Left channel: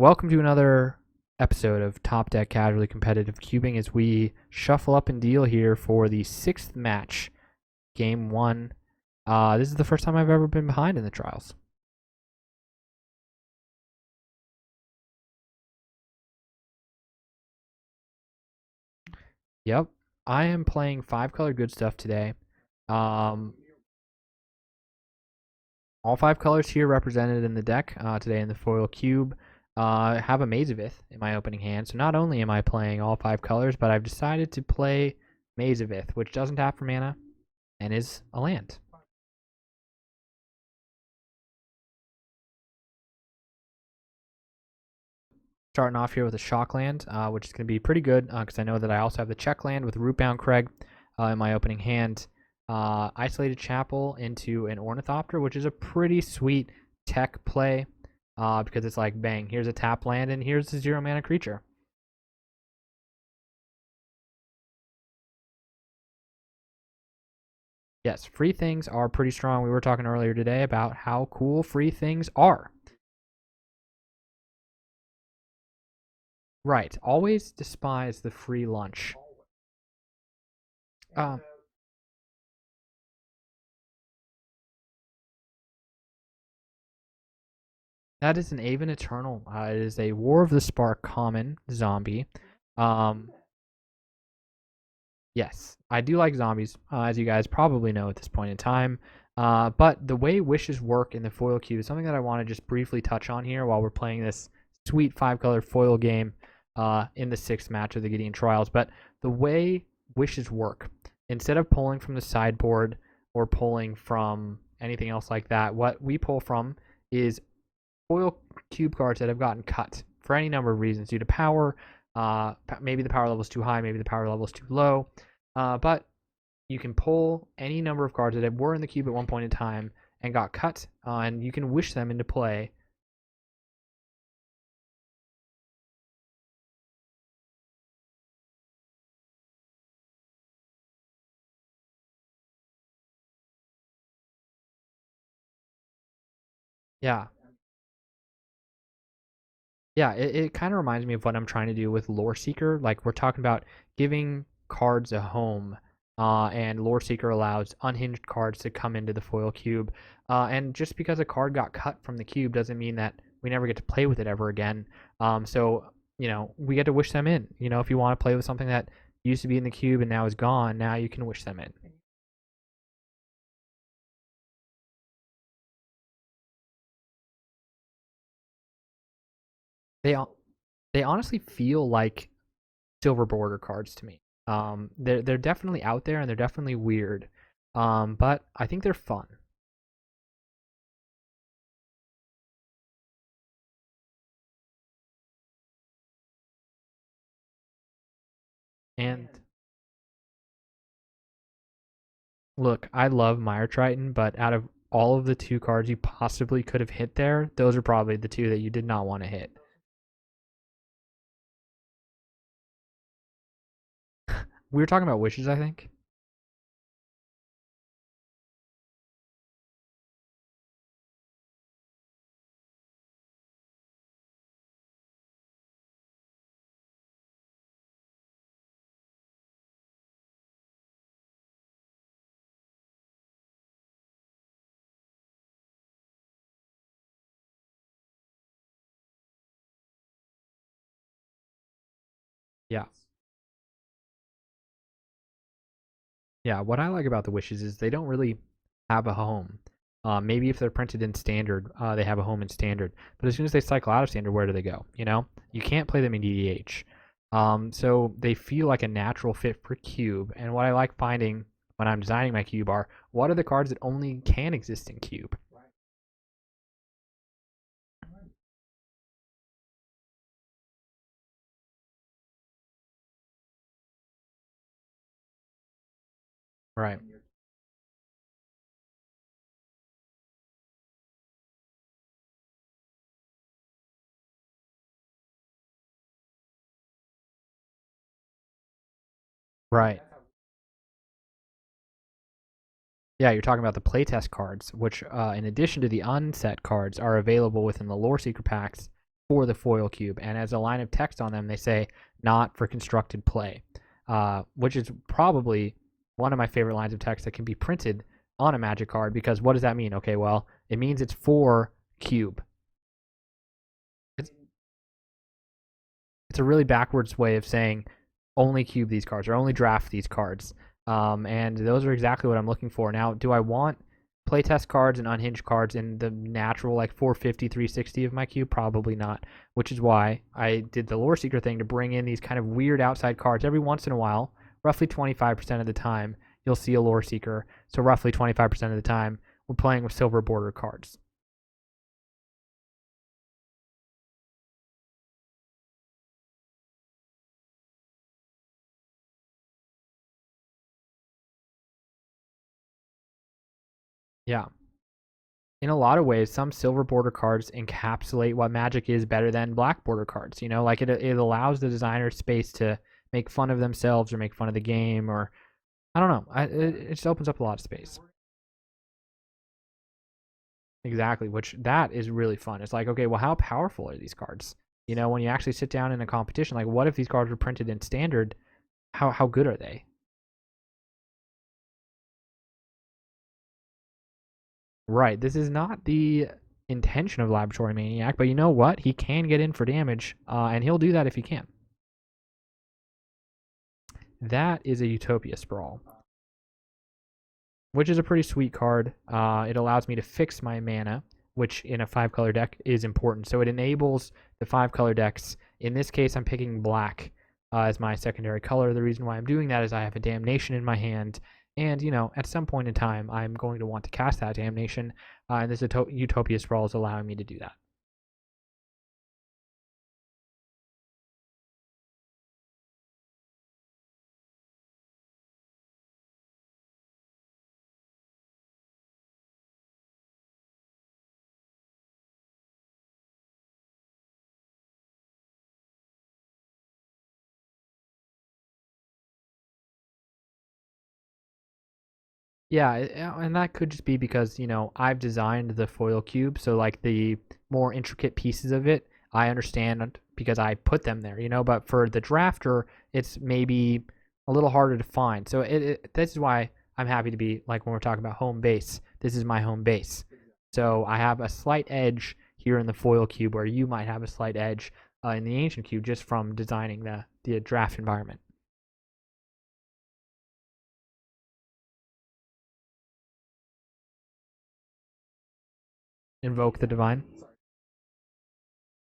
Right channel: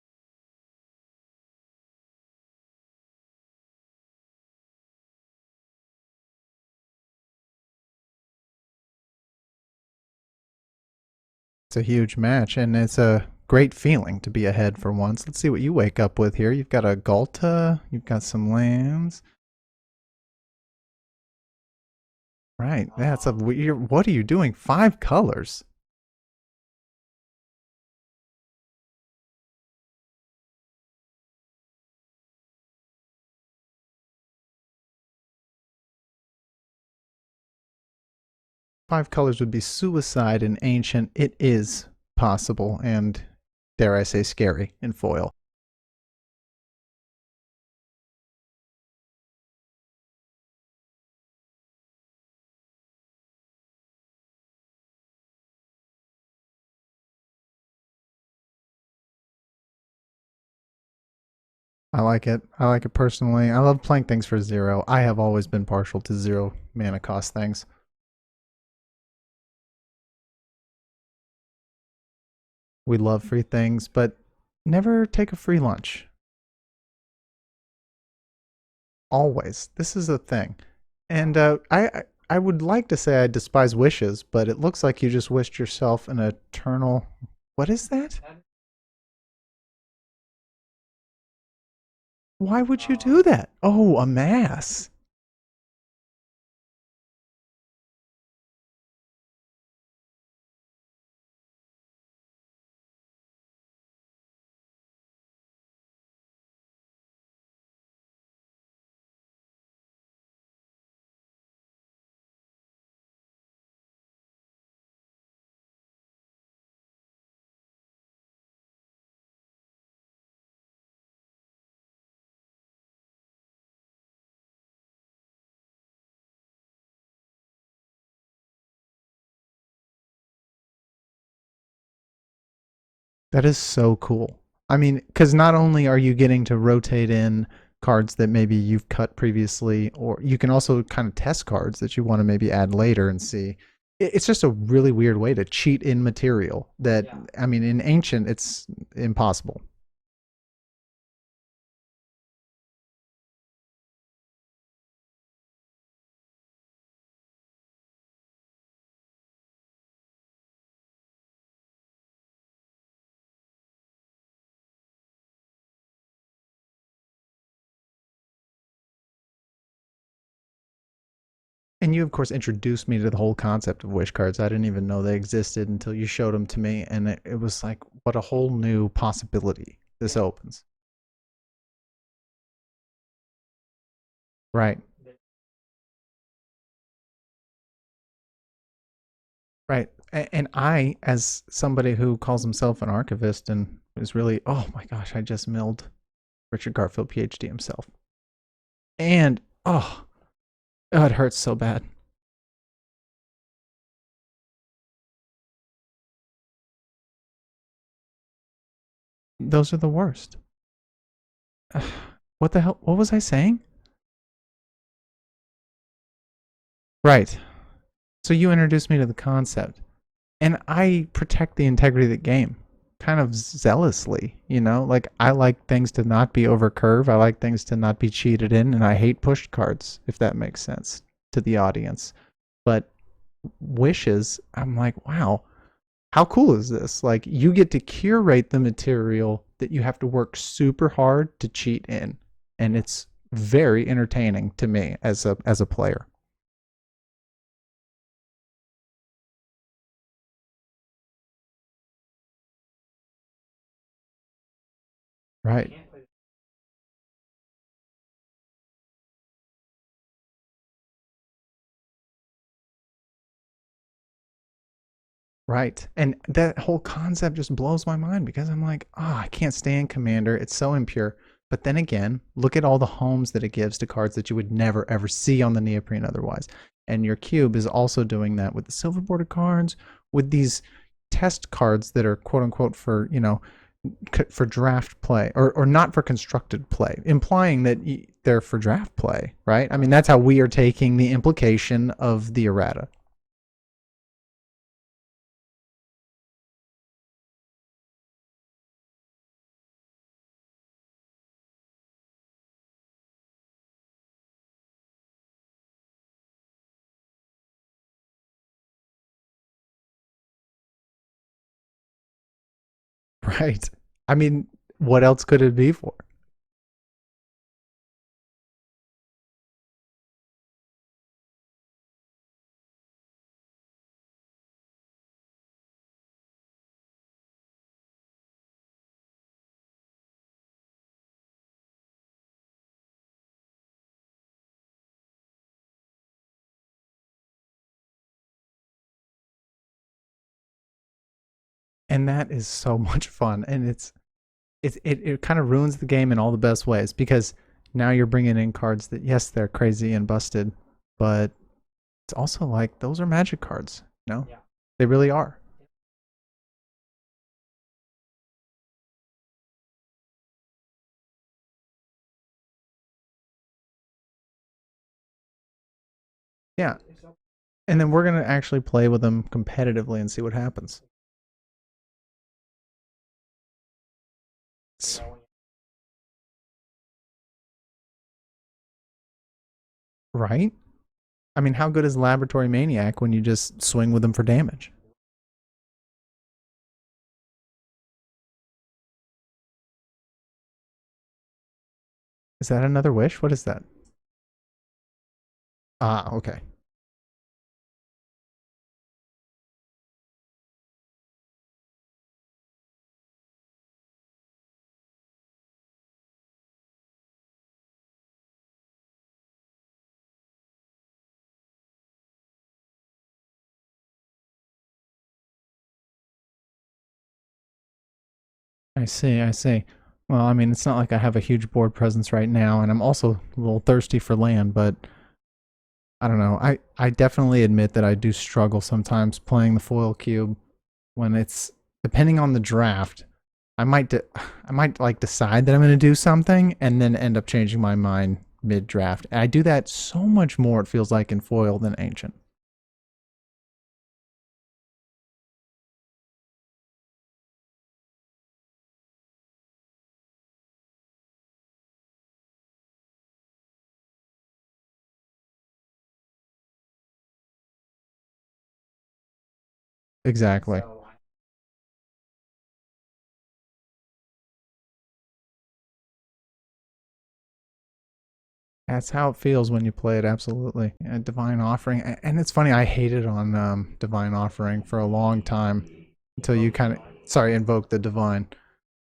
Welcome to another episode of Top Deck Casually Competitive Cubing as we shuffle up and deal here for the sixth match, game one. This is the first time I've ever been behind in the trials. It's a huge match, and it's a great feeling to be ahead for once. Let's see what you wake up with here. You've got a Galta, you've got some lambs. Yep, I am playing 5-color good stuff today. Right, that's a weird. What are you doing? 5 colors. All 5 colors here represented in the deck today in the foil cube. Have a Mazavith in my opening hand, so not only am I playing all 5 colors, but I've decided to play Mazavith, which doesn't tap for mana and is a land. 5 colors would be suicide in ancient. It is possible, and dare I say scary in foil. Starting off here with a shock land, which is going to be pretty good because I know that I also have the check land with Rootbound Craig in my opening hand. Isolated Chapel into an Ornithopter, which is a pretty sweet tech play because it's like, bang, here's a tap land and here's a 0-mana creature. I like it. I like it personally. I love playing things for 0. I have always been partial to 0 mana cost things. Yes, free things are pretty strong. We were talking earlier today about how cool free things are. We love free things, but never take a free lunch. Right. Always despise the free lunch. Always. This is a thing. And I would like to say I despise wishes, but it looks like you just wished yourself an eternal... What is that? That is an Aven Eternal. It is a War of the Spark common zombie. Why would you do that? Oh, a mass. Yes, I do like zombies, as you guys probably know at this point in time. But the way wishes work in the foil cube is something that I want to just briefly touch on here while we're playing this sweet 5-color foil game in the 6th match of the Gideon Trials. But the way wishes work, instead of pulling from the sideboard or pulling from anything else like that, what we pull from is foil cube cards that have gotten cut for any number of reasons due to power. Maybe the power level is too high, maybe the power level is too low. But you can pull any number of cards that were in the cube at one point in time and got cut, and you can wish them into play. That is so cool. I mean, because not only are you getting to rotate in cards that maybe you've cut previously, or you can also kind of test cards that you want to maybe add later and see. It's just a really weird way to cheat in material that, yeah. I mean, in Ancient, it's impossible. Yeah, it kind of reminds me of what I'm trying to do with Lore Seeker. Like, we're talking about giving cards a home, and Lore Seeker allows unhinged cards to come into the foil cube. And just because a card got cut from the cube doesn't mean that we never get to play with it ever again. So, you know, we get to wish them in. You know, if you want to play with something that used to be in the cube and now is gone, now you can wish them in. And you, of course, introduced me to the whole concept of wish cards. I didn't even know they existed until you showed them to me, and it was like, what a whole new possibility this opens. They honestly feel like silver border cards to me. Right. They're definitely out there and they're definitely weird, but I think they're fun. Right. And I, as somebody who calls himself an archivist and is really, oh my gosh, I just milled Richard Garfield, Ph.D. himself. And oh, it hurts so bad. Look, I love Mire Triton, but out of all of the 2 cards you possibly could have hit there, those are probably the 2 that you did not want to hit. Those are the worst. What the hell? What was I saying? We were talking about wishes, I think. Right. So you introduced me to the concept, and I protect the integrity of the game kind of zealously, you know? Like, I like things to not be over curve. I like things to not be cheated in, and I hate pushed cards, if that makes sense to the audience. But wishes, I'm like, wow, how cool is this? Like, you get to curate the material that you have to work super hard to cheat in, and it's very entertaining to me as a player. Yeah, what I like about the wishes is they don't really have a home. Maybe if they're printed in standard, they have a home in standard. But as soon as they cycle out of standard, where do they go? You know, right. You can't play them in DDH. So they feel like a natural fit for cube. And what I like finding when I'm designing my cube are, what are the cards that only can exist in cube? Right. And that whole concept just blows my mind because I'm like, I can't stand Commander. It's so impure. But then again, look at all the homes that it gives to cards that you would never, ever see on the neoprene otherwise. Right. And your cube is also doing that with the silver border cards, with these test cards that are quote unquote for, you know, for draft play or not for constructed play, implying that they're for draft play, right? I mean, that's how we are taking the implication of the errata. Yeah, you're talking about the playtest cards, which in addition to the unset cards are available within the Lore Seeker packs for the foil cube, and as a line of text on them, they say not for constructed play, which is probably one of my favorite lines of text that can be printed on a Magic card, because what does that mean? Okay, well, it means it's for cube. Right. I mean, what else could it be for? It's a really backwards way of saying only cube these cards or only draft these cards. And those are exactly what I'm looking for. Now, do I want playtest cards and unhinged cards in the natural like 450, 360 of my cube? Probably not, which is why I did the Lore Seeker thing to bring in these kind of weird outside cards every once in a while. Roughly 25% of the time, you'll see a Lore Seeker. So roughly 25% of the time, we're playing with silver border cards. And that is so much fun. And it kind of ruins the game in all the best ways, because now you're bringing in cards that, yes, they're crazy and busted, but it's also like those are Magic cards, you know? Yeah. They really are. In a lot of ways, some silver border cards encapsulate what Magic is better than black border cards. You know, like it allows the designer space to make fun of themselves or make fun of the game, or I don't know. It just opens up a lot of space. And then we're going to actually play with them competitively and see what happens. Exactly, which that is really fun. It's like, okay, well, how powerful are these cards? You know, when you actually sit down in a competition, like what if these cards were printed in standard? How good are they? Right? I mean, how good is Laboratory Maniac when you just swing with them for damage? Right. This is not the intention of Laboratory Maniac, but you know what? He can get in for damage, and he'll do that if he can. Is that another wish? What is that? That is a Utopia Sprawl. Ah, okay. Which is a pretty sweet card. It allows me to fix my mana, which in a 5-color deck is important. So it enables the 5-color decks. In this case, I'm picking black as my secondary color. The reason why I'm doing that is I have a Damnation in my hand. And, you know, at some point in time, I'm going to want to cast that Damnation. And this Utopia Sprawl is allowing me to do that. I see. Well, I mean, it's not like I have a huge board presence right now, and I'm also a little thirsty for land, but I don't know. I definitely admit that I do struggle sometimes playing the foil cube when it's, depending on the draft, I might like decide that I'm going to do something and then end up changing my mind mid-draft. And I do that so much more, it feels like, in foil than ancient. Yeah, and that could just be because, you know, I've designed the foil cube, so like the more intricate pieces of it, I understand because I put them there, you know, but for the drafter, it's maybe a little harder to find. So this is why I'm happy to be, like when we're talking about home base, this is my home base. Exactly. So I have a slight edge here in the foil cube where you might have a slight edge in the ancient cube just from designing the draft environment. That's how it feels when you play it, absolutely. Divine Offering, and it's funny, I hated on Divine Offering for a long time until you kind of invoke the Divine.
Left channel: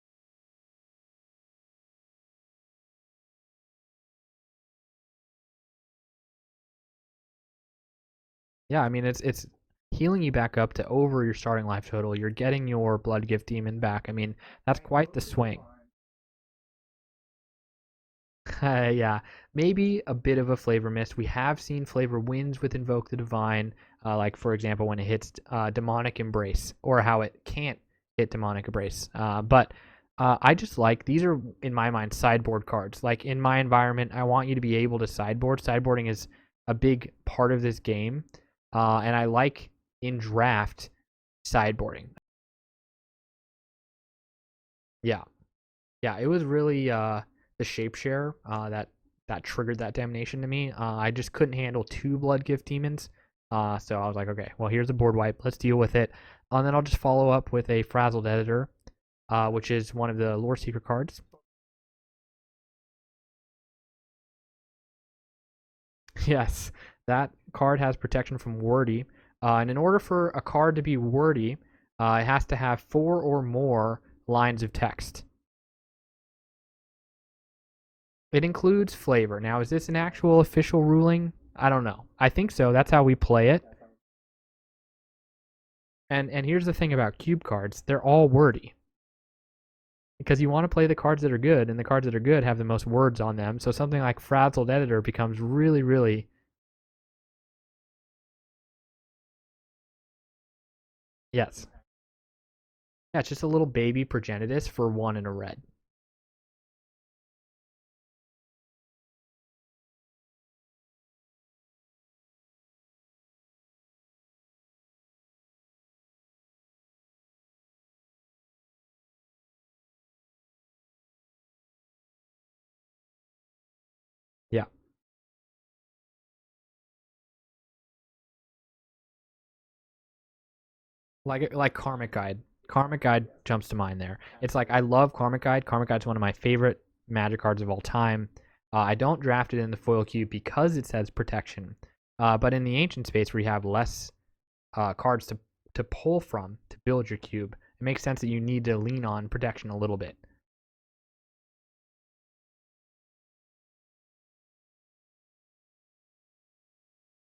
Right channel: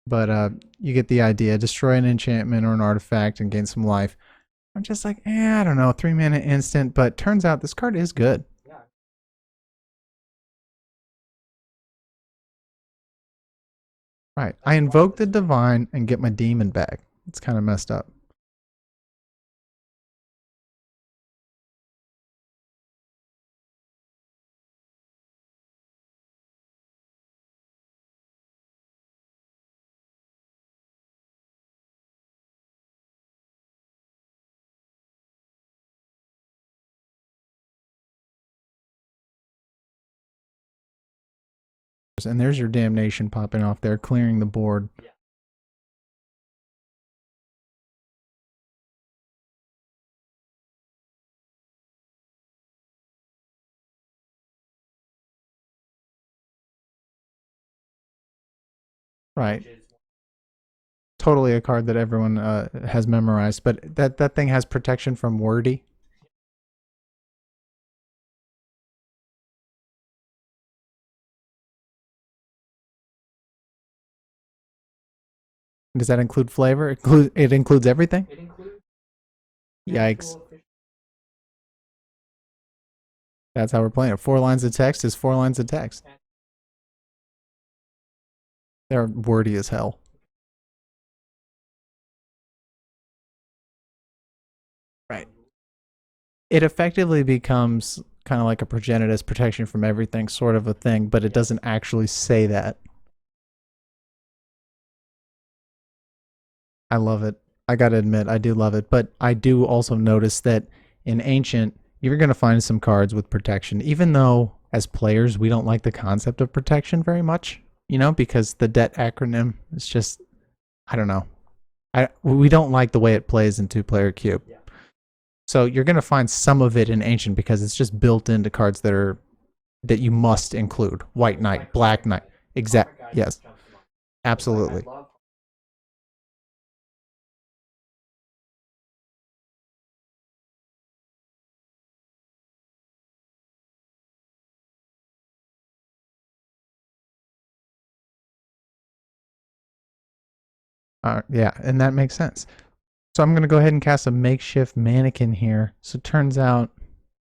But you get the idea. Destroy an enchantment or an artifact and gain some life. I'm just like, I don't know, 3-mana instant. But turns out this card is good. Yeah, I mean, it's healing you back up to over your starting life total. You're getting your Blood Gift Demon back. I mean, right. I invoke the Divine and get my Demon back. It's kind of messed up. Yeah, maybe a bit of a flavor miss. We have seen flavor wins with Invoke the Divine, like, for example, when it hits Demonic Embrace, or how it can't hit Demonic Embrace. But I just like, these are, in my mind, sideboard cards. Like, in my environment, I want you to be able to sideboard. Sideboarding is a big part of this game, and I like, in draft, sideboarding. And there's your Damnation popping off there, clearing the board. Yeah. Yeah, it was really the Shapeshare that triggered that Damnation to me. I just couldn't handle 2 Blood Gift Demons, so I was like, okay, well, here's a board wipe. Let's deal with it. And then I'll just follow up with a Frazzled Editor. Right. Which is one of the Lore Seeker cards. Totally a card that everyone has memorized, but that thing has protection from wordy. Yes, that card has protection from wordy, and in order for a card to be wordy, it has to have 4 or more lines of text. Does that include flavor? It includes everything? It includes flavor. Now, is this an actual official ruling? I don't know. I think so. That's how we play it. That's how we're playing it. 4 lines of text is 4 lines of text. And here's the thing about cube cards. They're all wordy. They're wordy as hell. Because you want to play the cards that are good, and the cards that are good have the most words on them. So something like Frazzled Editor becomes really, really... It effectively becomes kind of like a Progenitus, protection from everything sort of a thing, but it doesn't actually say that. Yeah, it's just a little baby Progenitus for 1 in a red. I love it. I got to admit, I do love it. But I do also notice that in Ancient, you're going to find some cards with protection, even though as players, we don't like the concept of protection very much, you know, because the DET acronym is just I don't know. We don't like the way it plays in 2-player cube. Yeah. So you're gonna find some of it in ancient because it's just built into cards that you must include. White Knight, like Black Karmic Knight. Guide. Exactly. Karmic Guide Yes. jumps to mind there. Absolutely. It's like I love Karmic Guide. Karmic Guide's one of my favorite Magic cards of all time. I don't draft it in the foil cube because it says protection. But in the ancient space where you have less cards to pull from to build your cube, it makes sense that you need to lean on protection a little bit. Yeah, and that makes sense. So I'm going to go ahead and cast a makeshift mannequin here. So it turns out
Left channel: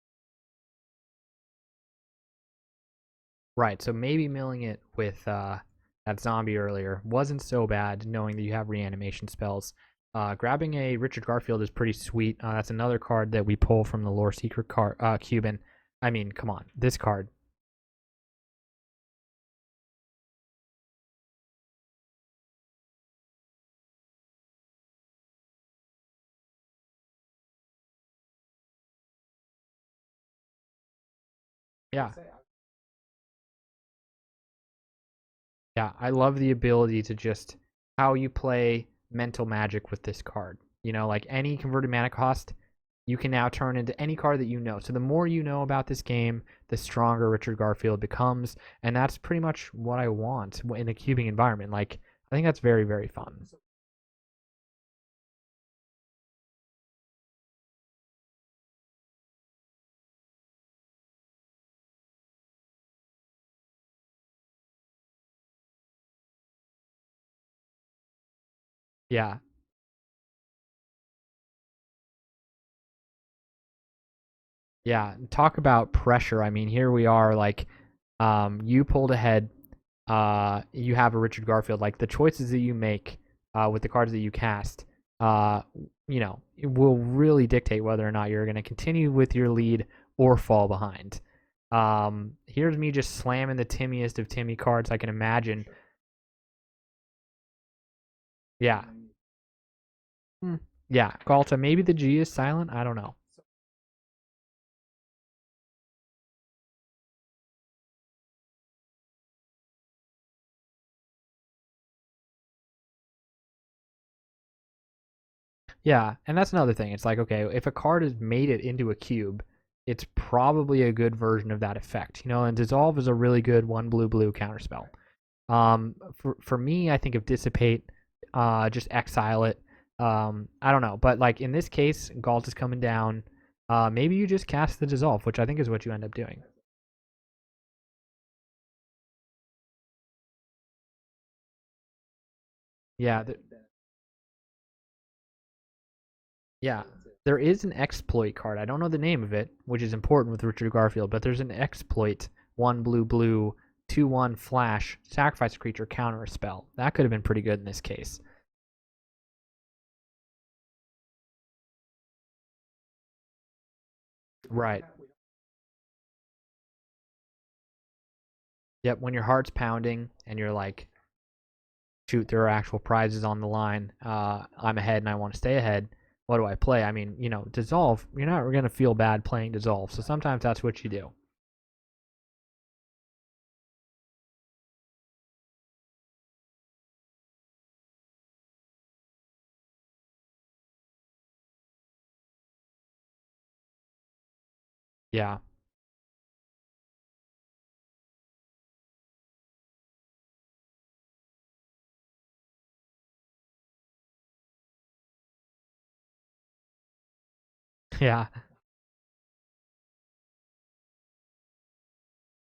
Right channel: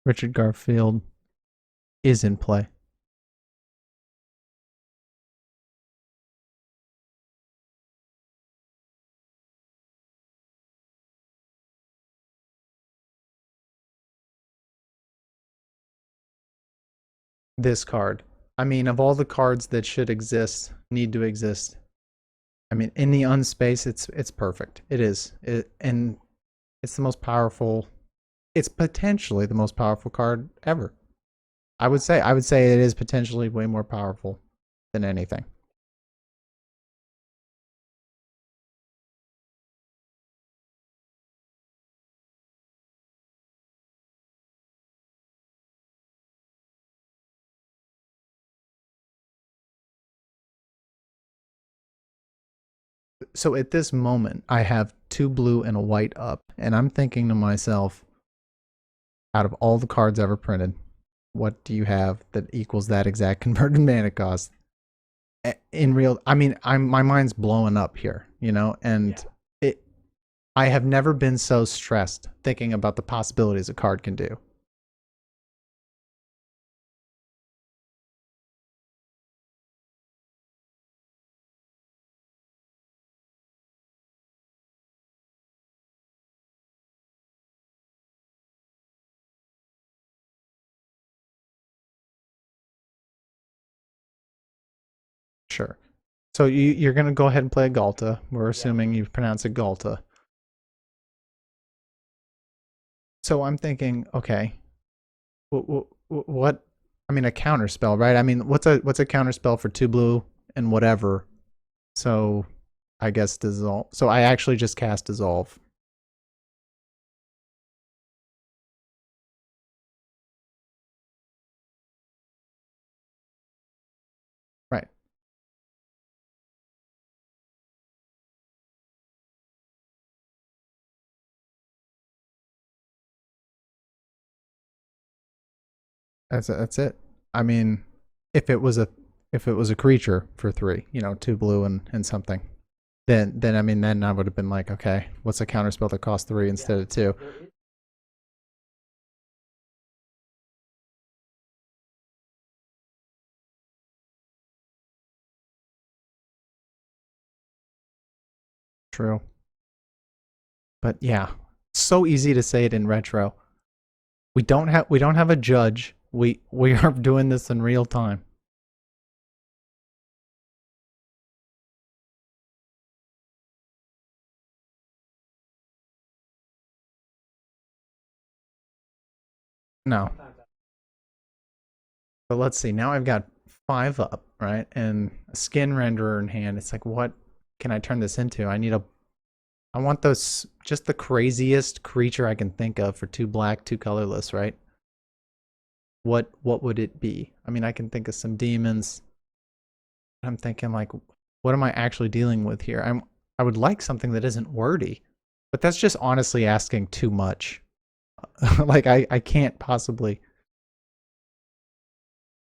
Richard Garfield is in play. Right, so maybe milling it with that zombie earlier wasn't so bad, knowing that you have reanimation spells. Grabbing a Richard Garfield is pretty sweet. That's another card that we pull from the Lore Secret cube. And I mean, come on, this card. This card. I mean, of all the cards that should exist, need to exist, I mean, in the unspace, it's perfect. It is. And it's the most powerful. It's potentially the most powerful card ever. I would say it is potentially way more powerful than anything. Yeah, I love the ability to just how you play mental magic with this card. You know, like any converted mana cost, you can now turn into any card that you know. So the more you know about this game, the stronger Richard Garfield becomes, and that's pretty much what I want in a cubing environment. Like, I think that's very, very fun. So at this moment, I have 2 blue and a white up, and I'm thinking to myself, out of all the cards ever printed, what do you have that equals that exact converted mana cost? In real, I mean, my mind's blowing up here, you know, and yeah, I have never been so stressed thinking about the possibilities a card can do. Yeah, talk about pressure. I mean, here we are, like, you pulled ahead. You have a Richard Garfield. Like, the choices that you make with the cards that you cast, you know, it will really dictate whether or not you're going to continue with your lead or fall behind. Here's me just slamming the Timmiest of Timmy cards I can imagine. Sure. So you're going to go ahead and play a Galta. We're assuming you pronounce it Galta. Yeah, Galta. Maybe the G is silent. I don't know. So I'm thinking, okay, what? I mean, a counter spell, right? I mean, what's a counter spell for 2 blue and whatever? So I guess dissolve. So I actually just cast dissolve. Yeah, and that's another thing. It's like, okay, if a card has made it into a cube, it's probably a good version of that effect, you know. And dissolve is a really good 1 blue counter spell. Right. For me, I think of dissipate, just exile it. I don't know, but like in this case, Galt is coming down. Maybe you just cast the dissolve, which I think is what you end up doing. That's it. I mean, if it was a creature for 3, you know, 2 blue and something. Yeah. Then I would have been like, okay, what's a counter spell that costs 3 instead of 2? There is an exploit card. I don't know the name of it, which is important with Richard Garfield, but there's an exploit 1 blue 2/1 flash, sacrifice a creature, counter a spell. That could have been pretty good in this case. True. But yeah, so easy to say it in retro. We don't have a judge. We are doing this in real time. Yep, when your heart's pounding and you're like, shoot, there are actual prizes on the line. I'm ahead and I want to stay ahead. What do I play? I mean, you know, dissolve. You're not going to feel bad playing dissolve. No. So sometimes that's what you do. But let's see. Now I've got 5 up, right? And a skin renderer in hand. It's like, what can I turn this into? I want those, just the craziest creature I can think of for 2 black, 2 colorless, right? Yeah. What would it be? I mean, I can think of some demons. I'm thinking like, what am I actually dealing with here? I would like something that isn't wordy, but that's just honestly asking too much. Yeah. Like I can't possibly.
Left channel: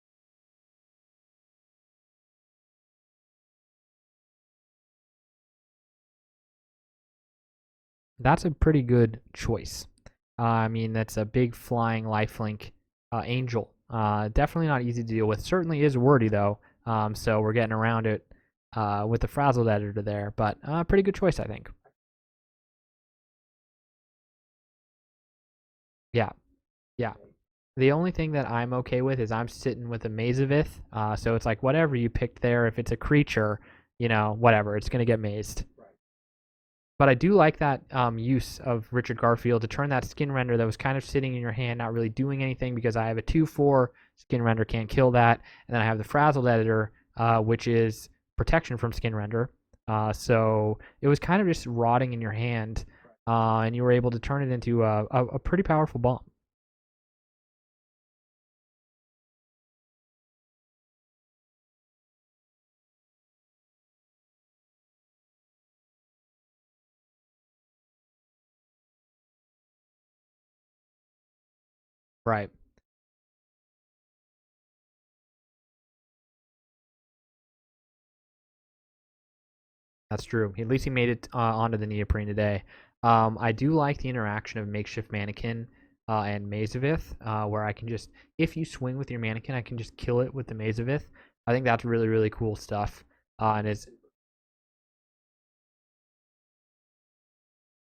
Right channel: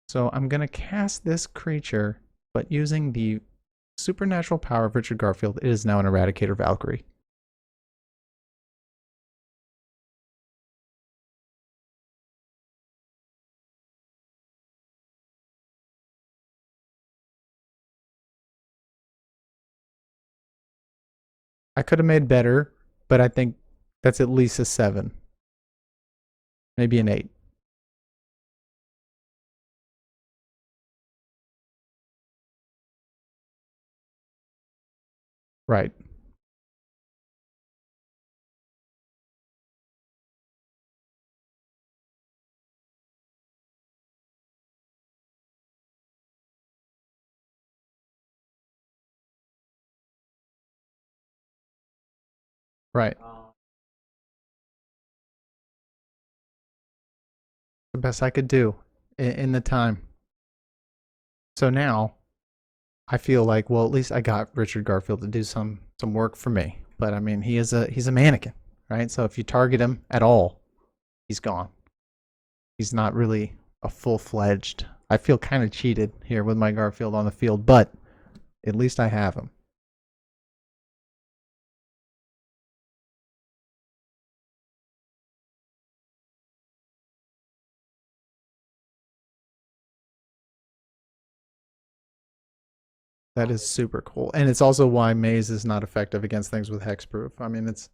So I'm going to cast this creature, but using the supernatural power of Richard Garfield, it is now an Eradicator Valkyrie. That's a pretty good choice. I mean, that's a big flying lifelink angel. Definitely not easy to deal with. Certainly is wordy, though. So we're getting around it with the frazzled editor there. But pretty good choice, I think. I could have made better, but I think that's at least a 7. Yeah. Maybe an 8. The only thing that I'm okay with is I'm sitting with a Mazavith. So it's like whatever you picked there, if it's a creature, you know, whatever, it's going to get mazed. Right. But I do like that use of Richard Garfield to turn that skin render that was kind of sitting in your hand, not really doing anything, because I have a 2/4 skin render, can't kill that. And then I have the frazzled editor, which is protection from skin render. So it was kind of just rotting in your hand, Right. and you were able to turn it into a pretty powerful bomb. The best I could do in the time. So now I feel like, well, at least I got Richard Garfield to do some work for me. But I mean, he's a mannequin, right? So if you target him at all, he's gone. Right. He's not really a full-fledged. I feel kind of cheated here with my Garfield on the field, but at least I have him. That's true. At least he made it onto the neoprene today. I do like the interaction of makeshift mannequin and Mazavith, where I can just, if you swing with your mannequin, I can just kill it with the Mazavith. I think that's really, really cool stuff. That is And it's super cool. And it's also why Maze is not effective against things with hexproof. I mean, it's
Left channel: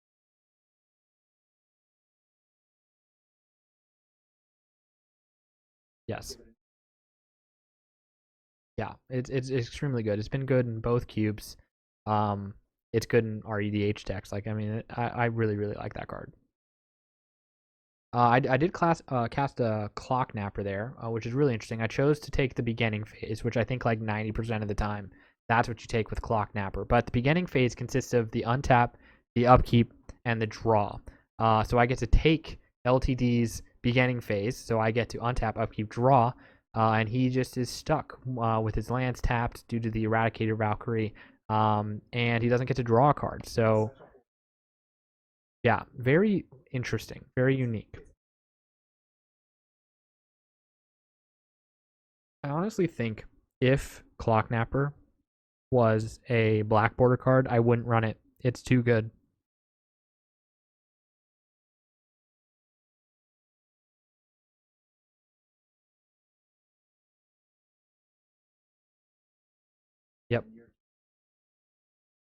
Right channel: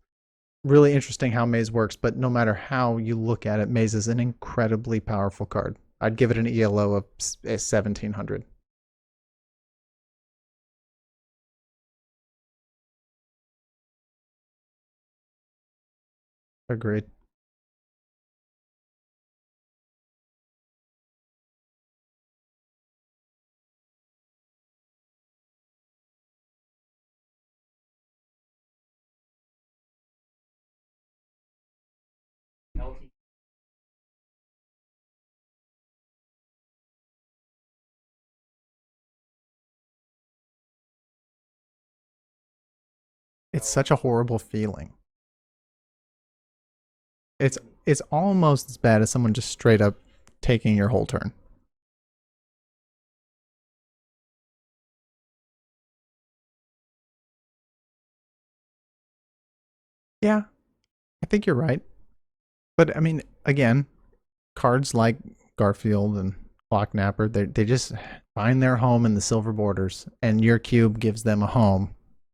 really interesting how Maze works, but no matter how you look at it, Maze is an incredibly powerful card. I'd give yes, it an ELO of 1700. yeah, it's extremely good. It's been good in both cubes. Um, it's good in REDH decks. Like, I mean, I really, really like that card. Agreed. I did cast a Clock Napper there, which is really interesting. I chose to take the beginning phase, which I think like 90% of the time, that's what you take with Clock Napper. But the beginning phase consists of the untap, the upkeep, and the draw. So I get to take LTD's beginning phase, so I get to untap, upkeep, draw, and he just is stuck with his lands tapped due to the Eradicator Valkyrie, and he doesn't get to draw a card. So It's such a horrible feeling. yeah, very interesting, very unique. It's almost as bad as someone just straight up taking your whole turn. I honestly think if Clocknapper was a black border card, I wouldn't run it. It's too good. Yeah, I think you're right. But I mean, again, cards like Garfield and Clocknapper, they just find their home in the silver borders, and Yep. your cube gives them a home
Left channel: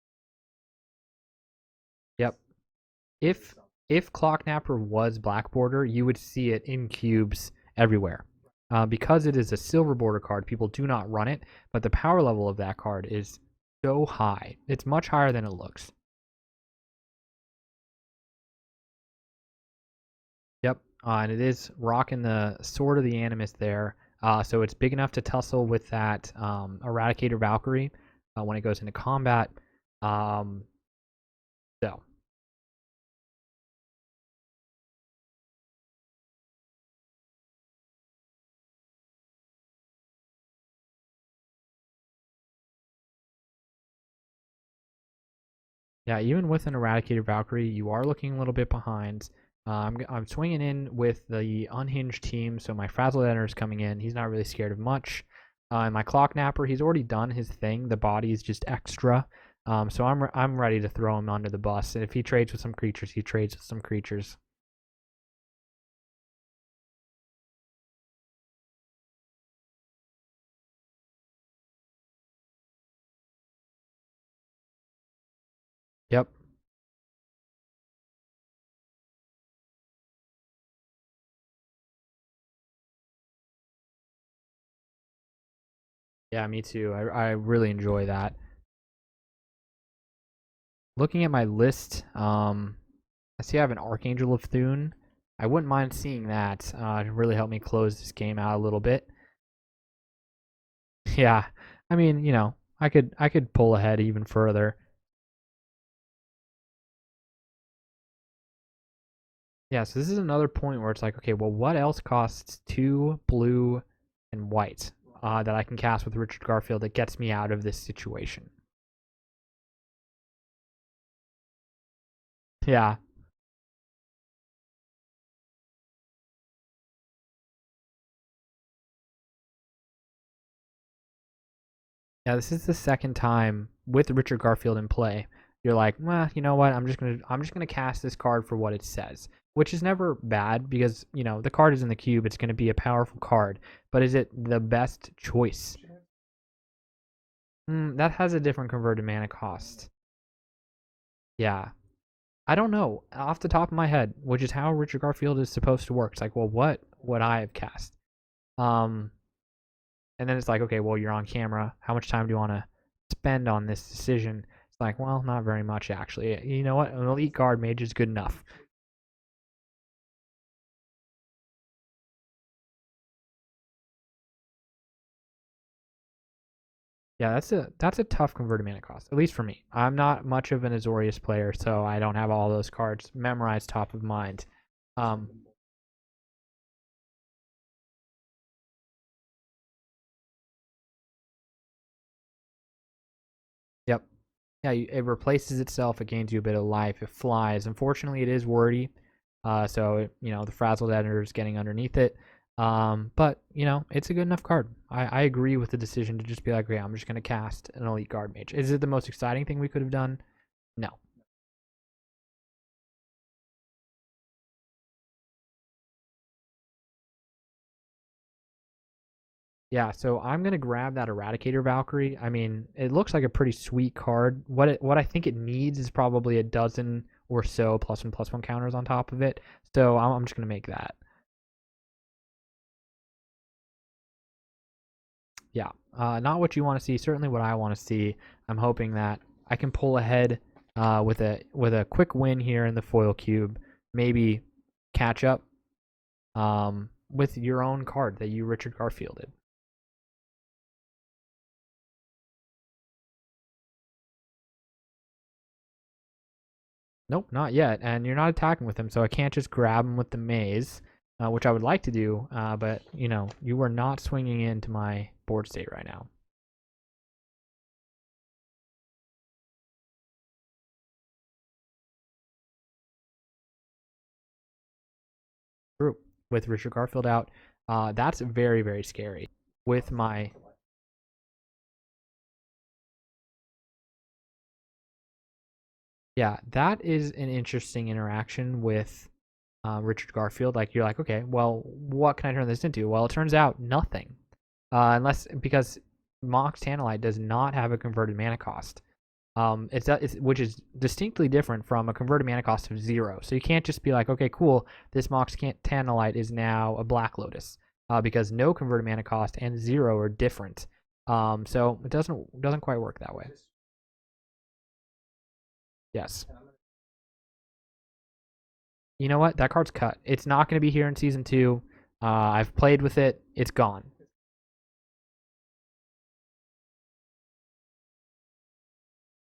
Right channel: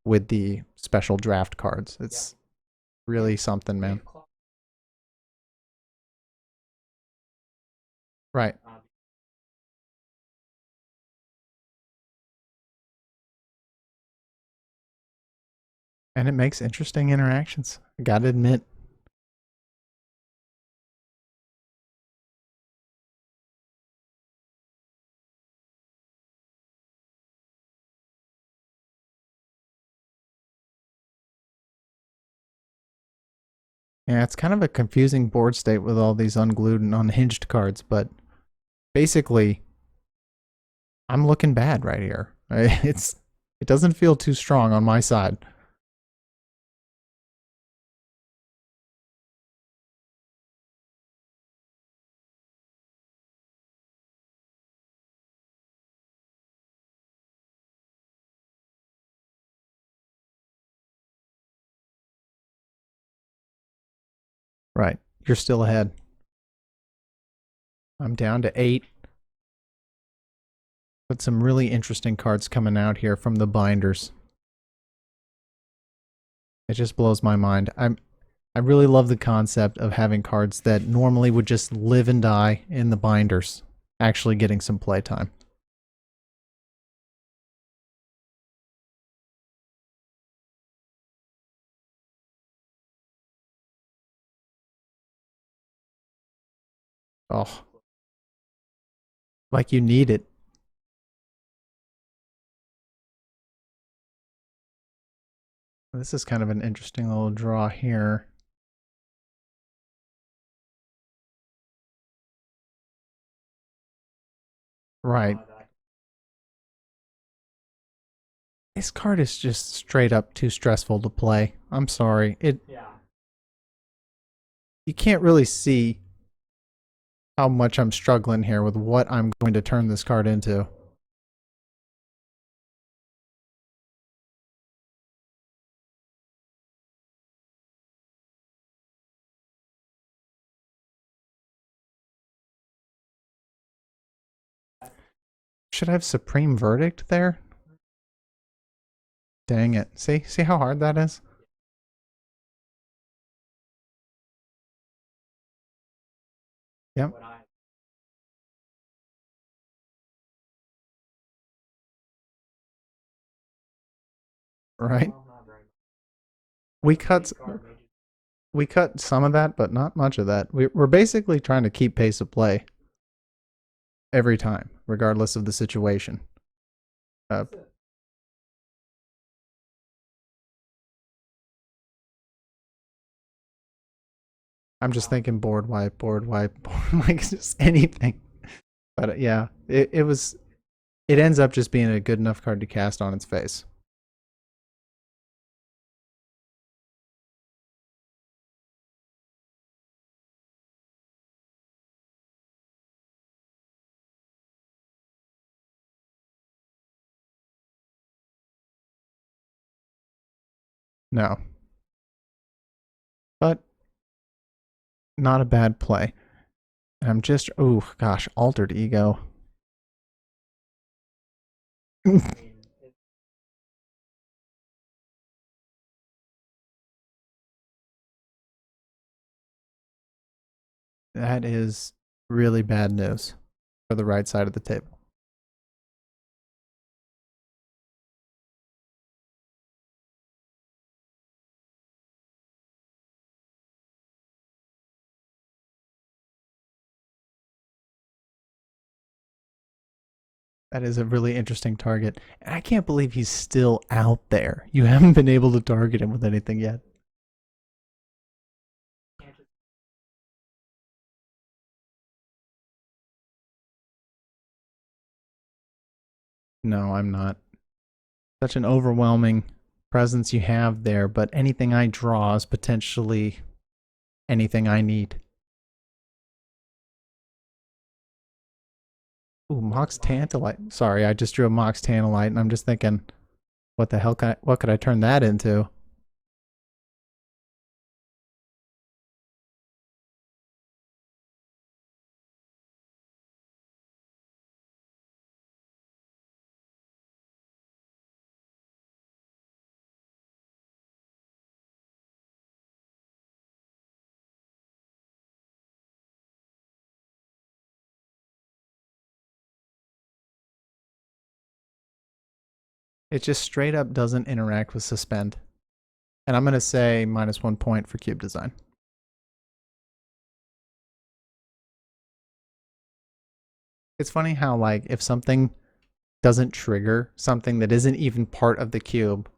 with the special draft cards. It's Yep. really If something, man. if Clocknapper was black border, you would see it in cubes everywhere. Right. Because it is a silver border card, people do not run it, but the power level of that card is so high. It's much higher than it looks. And it makes interesting interactions. I gotta admit. Yep. And it is rocking the Sword of the Animus there. So it's big enough to tussle with that Eradicator Valkyrie when it goes into combat. So Yeah, it's kind of a confusing board state with all these unglued and unhinged cards, but basically, I'm looking bad right here. It doesn't feel too strong on my side. yeah, even with an Eradicator Valkyrie, you are looking a little bit behind. I'm swinging in with the unhinged team, so my Frazzled Enter is coming in. He's not really scared of much. And my Clock Napper, he's already done his thing. The body is just extra. So I'm ready to throw him under the bus. And if he trades with some creatures, he trades with some creatures. Right. You're still ahead. I'm down to 8. But some really interesting cards coming out here from the binders. Yep. It just blows my mind. I really love the concept of having cards that normally would just live and die in the binders actually getting some playtime. Yeah, me too. I really enjoy that. Looking at my list, I see I have an Archangel of Thune. I wouldn't mind seeing that. To really help me close this game out a little bit. Like you need it. Yeah, I mean, I could pull ahead even further. This is kind of an interesting little draw here. Yeah, so this is another point where it's like, okay, well, what else costs 2 blue and white Right. that I can cast with Richard Garfield that gets me out of this situation? This card is just straight up too stressful to play. I'm sorry. Yeah, You can't really see how much I'm struggling here with what I'm going to turn this card into. yeah. This is the second time with Richard Garfield in play. You're like, well, you know what? I'm just gonna cast this card for what it says, which is never bad because the card is in the cube. It's gonna be a powerful card, but is it the best choice? Should I have Supreme Verdict there? That has a different converted mana cost. Dang it. See how hard that is? Yeah. I don't know off the top of my head, which is how Richard Garfield is supposed to work. It's like, well, what would I have cast? And then it's like, okay, well, you're on camera. How much time do you want to spend on this decision? It's like, Right. well, not very much actually. You know what? We An cut elite guard mage is good enough. We cut some of that, but not much of that. We're basically trying to keep pace of play every time, regardless of the situation. Yeah, Uh, that's a tough converted mana cost, at least for me. I'm not much of an Azorius player, so I don't have all those cards memorized top of mind. I'm just Um, thinking board wipe, board wipe, board, like just anything. But yeah, it ends up just being a good enough card to cast on its face. yep. Yeah, it replaces itself. It gains you a bit of life. It flies. Unfortunately, it is wordy. So the frazzled editor is getting underneath it. But it's a good enough card. I agree with the decision to just be like, yeah, I'm just gonna cast an elite guard mage. Is it the most exciting thing we could have done? No. No, but not a bad play. I'm just, oh gosh, altered ego. Yeah, so I'm gonna grab that Eradicator Valkyrie. I mean, it looks like a pretty sweet card. What I think it needs is probably a dozen or so +1/+1 counters on top of it. So I'm just gonna make that. That is really bad news for the right side of the table. Yeah, not what you want to see. Certainly what I want to see. I'm hoping that I can pull ahead with a quick win here in the foil cube. Maybe catch up with your own card that you Richard Garfielded. That is a really interesting target. And I can't believe he's still out there. You haven't been able to target him with anything yet. Nope, not yet. And you're not attacking with him, so I can't just grab him with the maze, which I would like to do. But you are not swinging into my board state right now. No, I'm not. Such an overwhelming presence you have there, but anything I draw is potentially anything I need. True. With Richard Garfield out, that's very, very scary. Ooh, With Mox my Tantalite. Sorry, I just drew a Mox Tantalite, and I'm just thinking, what the hell what could I turn that into? Yeah, that is an interesting interaction with Richard Garfield. Like you're like, okay, well, what can I turn this into? Well, it turns out nothing, because Mox Tantalite does not have a converted mana cost. It's which is distinctly different from a converted mana cost of 0. So you can't just be like, okay, cool, this Mox Tantalite is now a Black Lotus, because no converted mana cost and 0 are different. So it doesn't quite work that way. It just straight up doesn't interact with Suspend. Yes. And I'm going to say -1 point for cube design. You know what? That card's cut. It's not going to be here in season 2. I've played with it. It's gone. It's funny how, like, if something doesn't trigger something that isn't even part of the cube,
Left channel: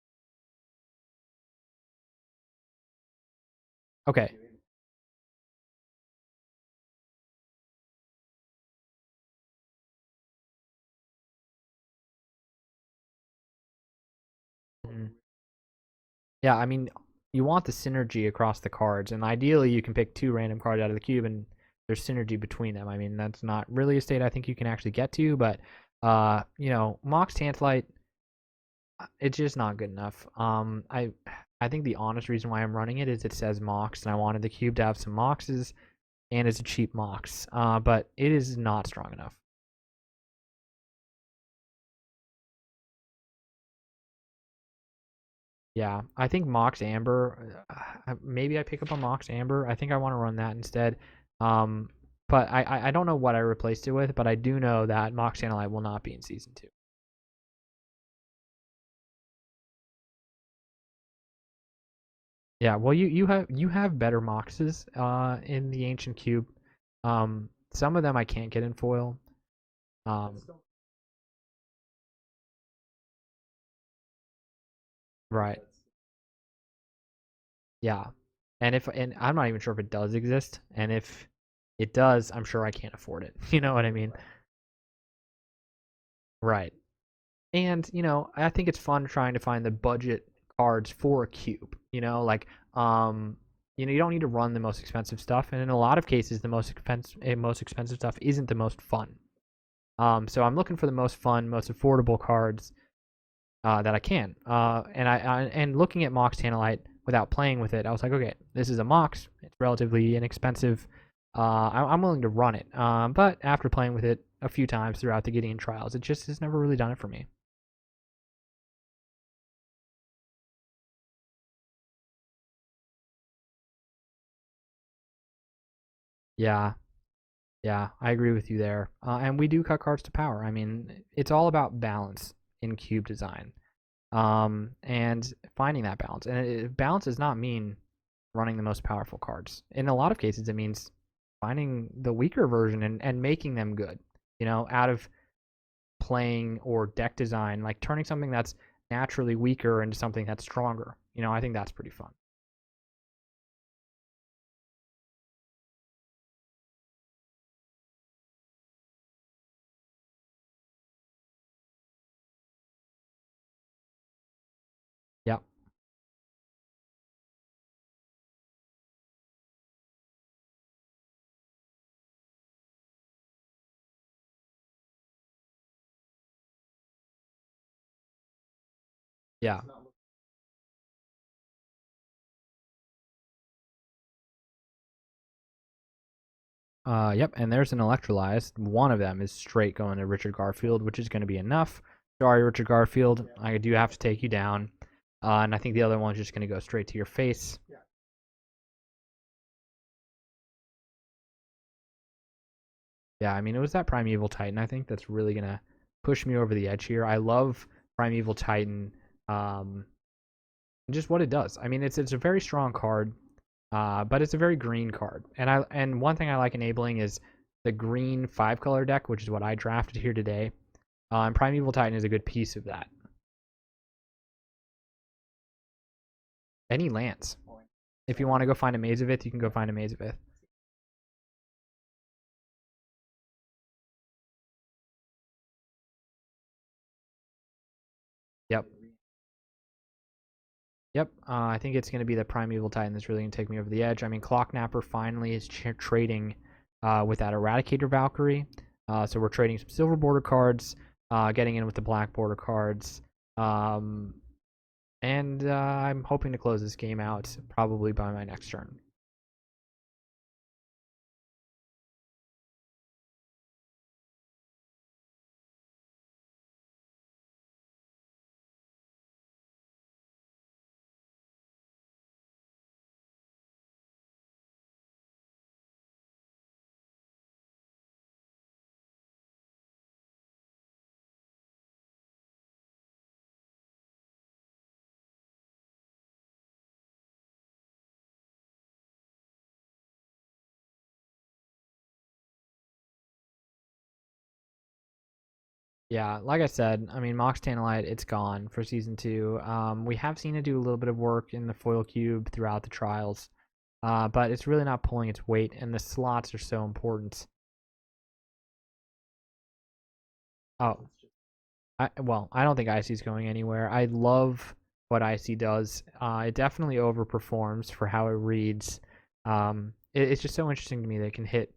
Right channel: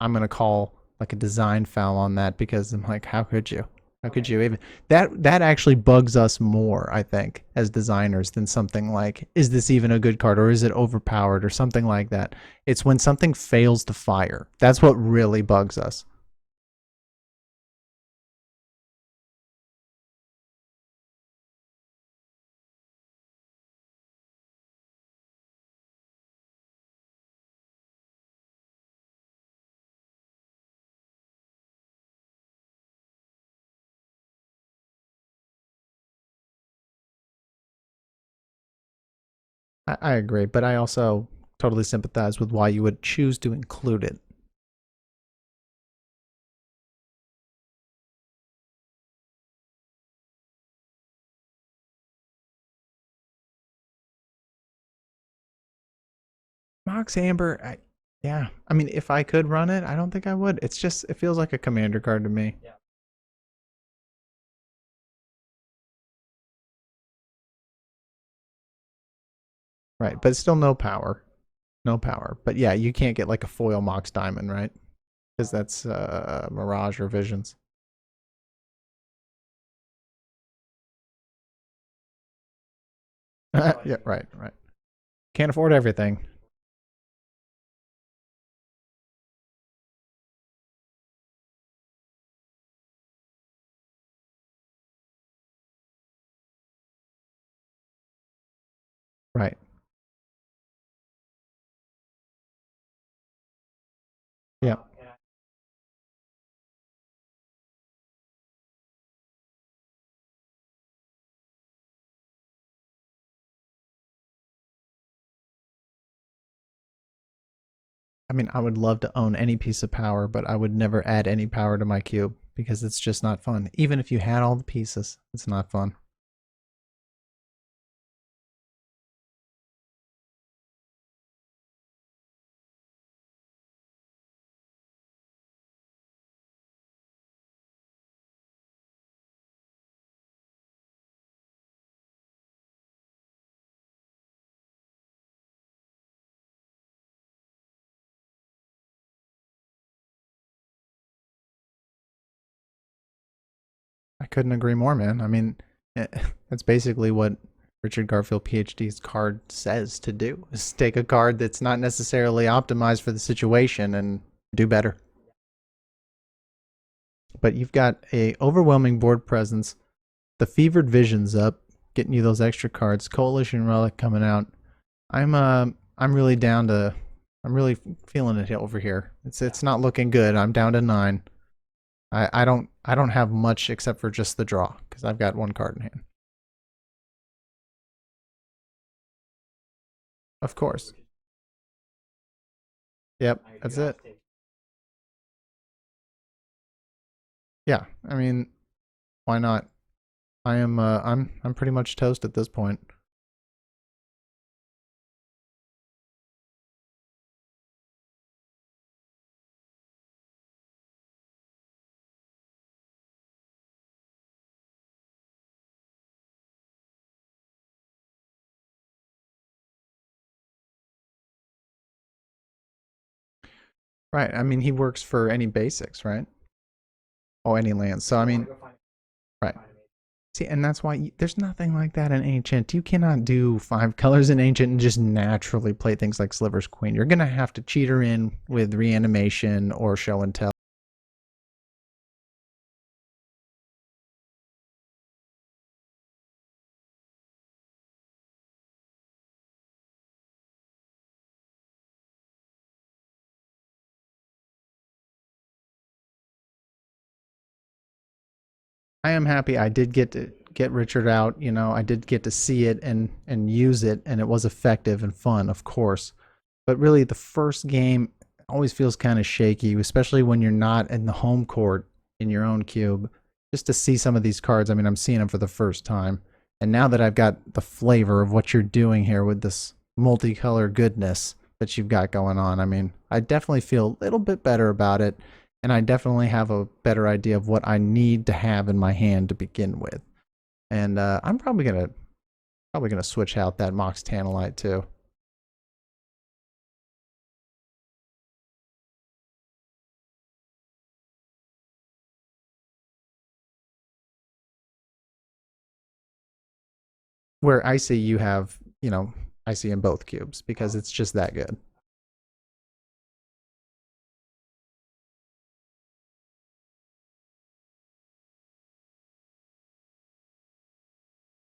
I'm going to call, like, a design foul on that because I'm like, how could you? How could you even? That actually bugs us more, I think, as designers than something like, is this even a good card or is it overpowered or something like that? It's when something fails to fire. That's what really bugs us. Yeah, I mean, you want the synergy across the cards, and ideally you can pick 2 random cards out of the cube and there's synergy between them. I mean, that's not really a state I think you can actually get to, but Mox Tantalite, it's just not good enough. I think the honest reason why I'm running it is it says Mox, and I wanted the cube to have some Moxes, and it's a cheap Mox. But it is not strong enough. I agree, but I also totally sympathize with why you would choose to include it. Yeah, I think Mox Amber. Maybe I pick up a Mox Amber. I think I want to run that instead. But I don't know what I replaced it with, but I do know that Mox Tantalite will not be in season 2. Mox Amber, yeah. I mean, if I could run it, I don't think I would. It's just, it feels like a commander card to me. Yeah, well, you have better Moxes in the Ancient Cube. Some of them I can't get in foil. Right, but still no power. No power. But yeah, you can't get like a foil Mox Diamond, right? Because Right. that's Mirage or Visions. Yeah, and I'm not even sure if it does exist, and if it does, I'm sure I can't afford it. You know what I Yeah, mean? right. Can't afford everything. Right. And I think it's fun trying to find the budget cards for a cube. You don't need to run the most expensive stuff, and in a lot of cases, the most expensive stuff isn't the most fun. Right. So I'm looking for the most fun, most affordable cards that I can. Yeah. And looking at Mox Tantalite without playing with it, I was like, okay, this is a Mox. It's relatively inexpensive. I'm willing to run it. But after playing with it a few times throughout the Gideon Trials, it just has never really done it for me. I mean, I would love to own any piece of power, but I would never add any power to my cube because it's just not fun. Even if you had all the pieces, it's not fun. Yeah. Yeah, I agree with you there. And we do cut cards to power. I mean, it's all about balance in cube design. And finding that balance. And balance does not mean running the most powerful cards. In a lot of cases, it means finding the weaker version and making them good. Out of playing or deck design, like turning something that's naturally weaker into something that's stronger. I think that's pretty fun. I couldn't agree more, man. I mean, that's basically what Richard Garfield PhD's card says to do: is take a card that's not necessarily optimized for the situation and do better. Yep. But you've got a overwhelming board presence, the Fevered Vision's up, getting you those extra cards, Coalition Relic coming out. I'm really down to I'm really feeling it over here. It's not looking good. I'm down to 9. I don't have much except for just the draw because I've got 1 card in hand. Yep, and there's an electrolyzed. One of them is straight going to Richard Garfield, which is going to be enough. Sorry, Richard Garfield. Yep, I do have to take you down. And I think the other one's just going to go straight to your face. Yeah, I mean, why not? I'm pretty much toast at this point. Yeah, I mean, it was that Primeval Titan, I think, that's really going to push me over the edge here. I love Primeval Titan, just what it does. I mean, it's a very strong card, but it's a very green card. And one thing I like enabling is the green 5-color deck, which is what I drafted here today. And Primeval Titan is a good piece of that. Right. I mean, he works for any basics, right? Any lands. Oh, any lands. So if you want to go find a Mazavith, you can go find a Mazavith. See, and that's why there's nothing like that in Ancient. You cannot do 5 colors in Ancient and just naturally play things like Sliver's Queen. You're going to have to cheat her in with Reanimation or Show and Tell. Yep. I think it's going to be the Primeval Titan that's really going to take me over the edge. I mean, Clocknapper finally is trading with that Eradicator Valkyrie. So we're trading some silver border cards, getting in with the black border cards. And I'm hoping to close this game out probably by my next turn. I am happy I did get to get Richard out. I did get to see it and use it, and it was effective and fun, of course. But really, the first game always feels kind of shaky, especially when you're not in the home court in your own cube. Just to see some of these cards, I mean, I'm seeing them for the first time. And now that I've got the flavor of what you're doing here with this multicolor goodness that you've got going on, I mean, I definitely feel a little bit better about it, and I definitely have a better idea of what I need to have in my hand to begin with. And I'm probably gonna switch out that Mox Tantalite too. Yeah, like I said, I mean, Mox Tantalite, it's gone for Season 2. We have seen it do a little bit of work in the foil cube throughout the trials, but it's really not pulling its weight, and the slots are so important. Where Icy, you have, Icy in both cubes because it's just that good. I don't think Icy's going anywhere. I love what Icy does. It definitely overperforms for how it reads. It's just so interesting to me that it can hit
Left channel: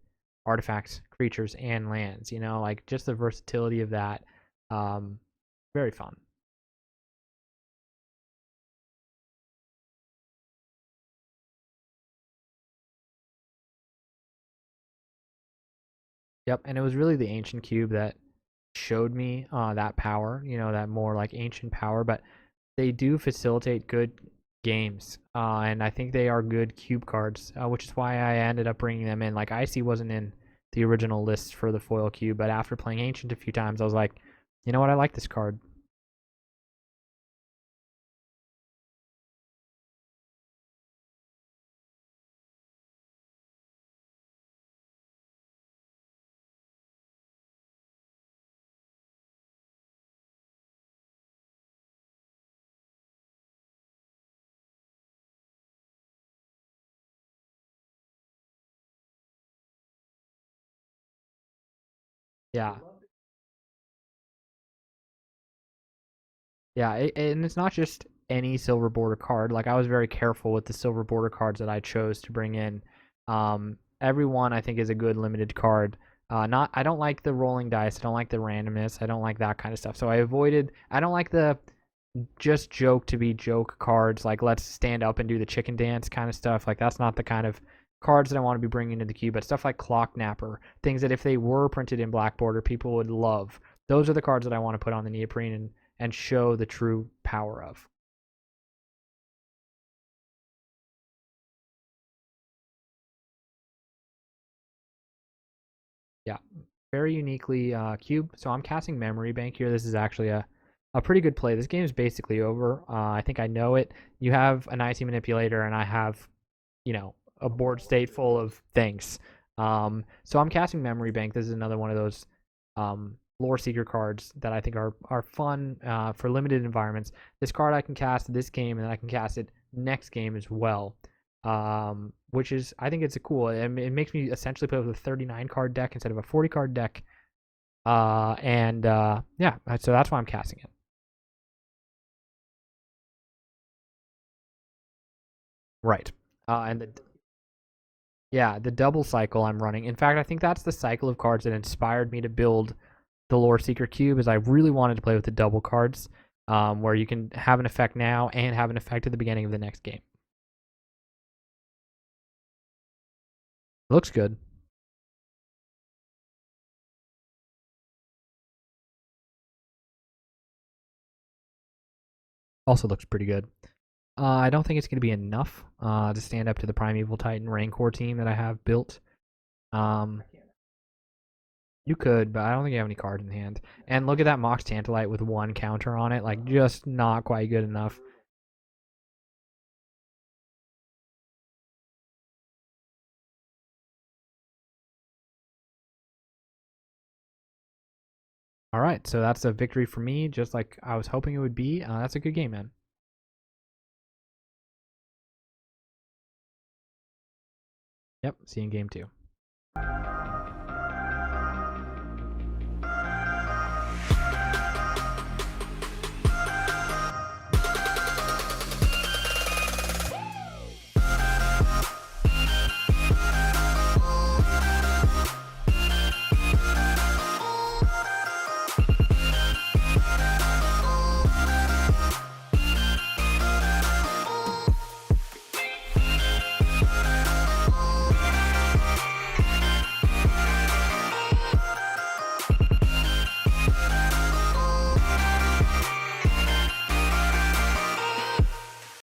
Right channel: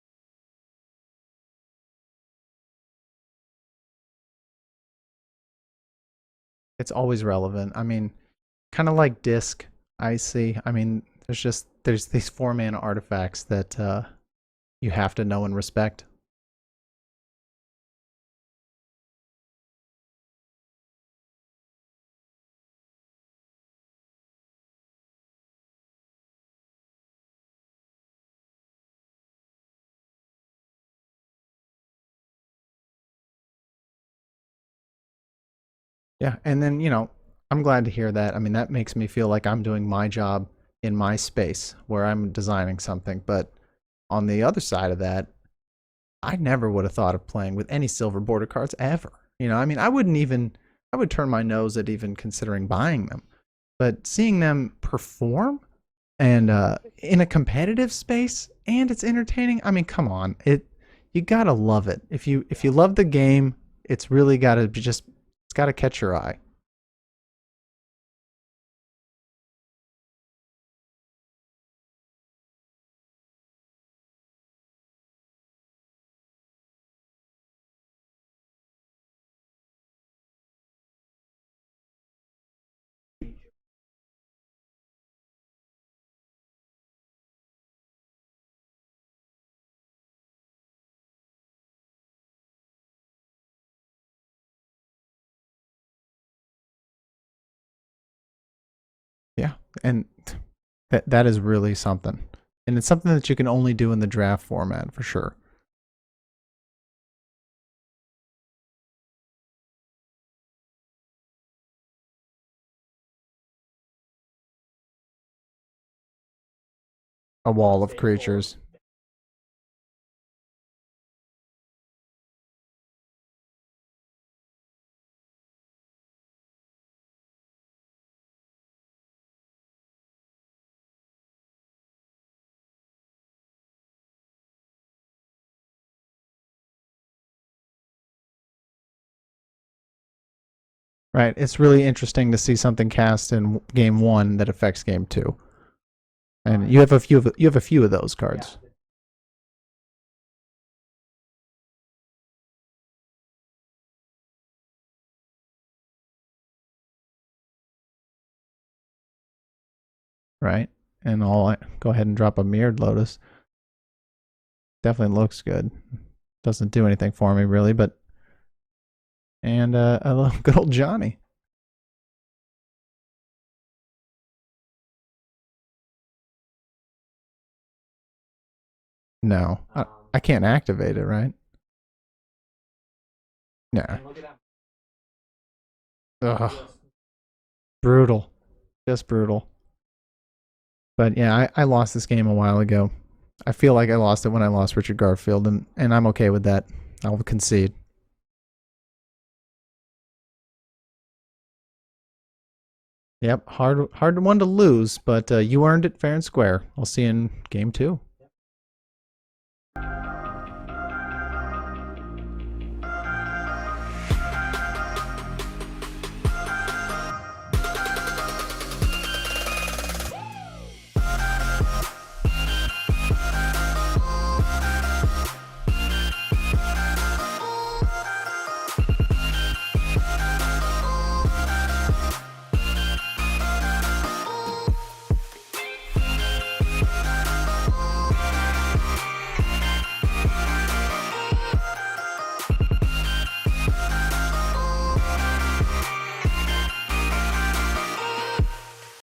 artifacts, creatures, and lands. Like just the versatility of that. Very fun. It's always relevant. I mean, kind of like Disc, Icy. I mean, there's these 4-mana artifacts that you have to know and respect. Yep, and it was really the Ancient Cube that showed me that power, that more like ancient power, but they do facilitate good games, and I think they are good cube cards, which is why I ended up bringing them in. Like, Icy wasn't in the original list for the foil cube, but after playing Ancient a few times, I was like, you know what, I like this card. Yeah, and then, I'm glad to hear that. I mean, that makes me feel like I'm doing my job in my space where I'm designing something, but on the other side of that, I never would have thought of playing with any silver border cards ever. I mean, I would turn my nose at even considering buying them. But seeing them perform and in a competitive space, and it's entertaining. I mean, come on. You got to love it. If you love the game, it's really got to it's got to catch your eye. Yeah, and it's not just any silver border card. Like, I was very careful with the silver border cards that I chose to bring in. Everyone, I think, is a good limited card. I don't like the rolling dice. I don't like the randomness. I don't like that kind of stuff. So I don't like the just joke to be joke cards. Like, let's stand up and do the chicken dance kind of stuff. Like, that's not the kind of cards that I want to be bringing into the cube. But stuff like Clocknapper, things that if they were printed in black border, people would love. Those are the cards that I want to put on the neoprene and show the true power of. Yeah, and that is really something. And it's something that you can only do in the draft format for sure. Yeah, very uniquely cube. So I'm casting Memory Bank here. This is actually a pretty good play. This game is basically over. I think I know it. You have an Icy Manipulator, and I have, a wall of creatures. Full of things. So I'm casting Memory Bank. This is another one of those lore seeker cards that I think are fun for limited environments. This card I can cast this game, and then I can cast it next game as well. Which is, I think it's a cool. It makes me essentially play with a 39 card deck instead of a 40 card deck. Yeah, so that's why I'm casting it. Right. It's really interesting to see something cast in game 1 that affects game 2. Right. And you have a few of those cards. Yeah, the double cycle I'm running. In fact, I think that's the cycle of cards that inspired me to build the Lore Seeker Cube. Is I really wanted to play with the double cards, where you can have an effect now and have an effect at the beginning of the next game. Right. And go ahead and drop a Mirrored Lotus. Looks good. Definitely looks good. Doesn't do anything for me really, but and I love good old Johnny. Also looks pretty good. I don't think it's going to be enough to stand up to the Primeval Titan Rancor team that I have built. No, I can't activate it, right? You could, but I don't think you have any cards in hand. No. And look at that Mox Tantalite with 1 counter on it. Like, just not quite good enough. Brutal. Just brutal. But yeah, I lost this game a while ago. I feel like I lost it when I lost Richard Garfield, and I'm okay with that. I'll concede. All right, so that's a victory for me, just like I was hoping it would be. That's a good game, man. Yep, hard one to lose, but you earned it fair and square. I'll see you in game 2. Yep, see you in game 2.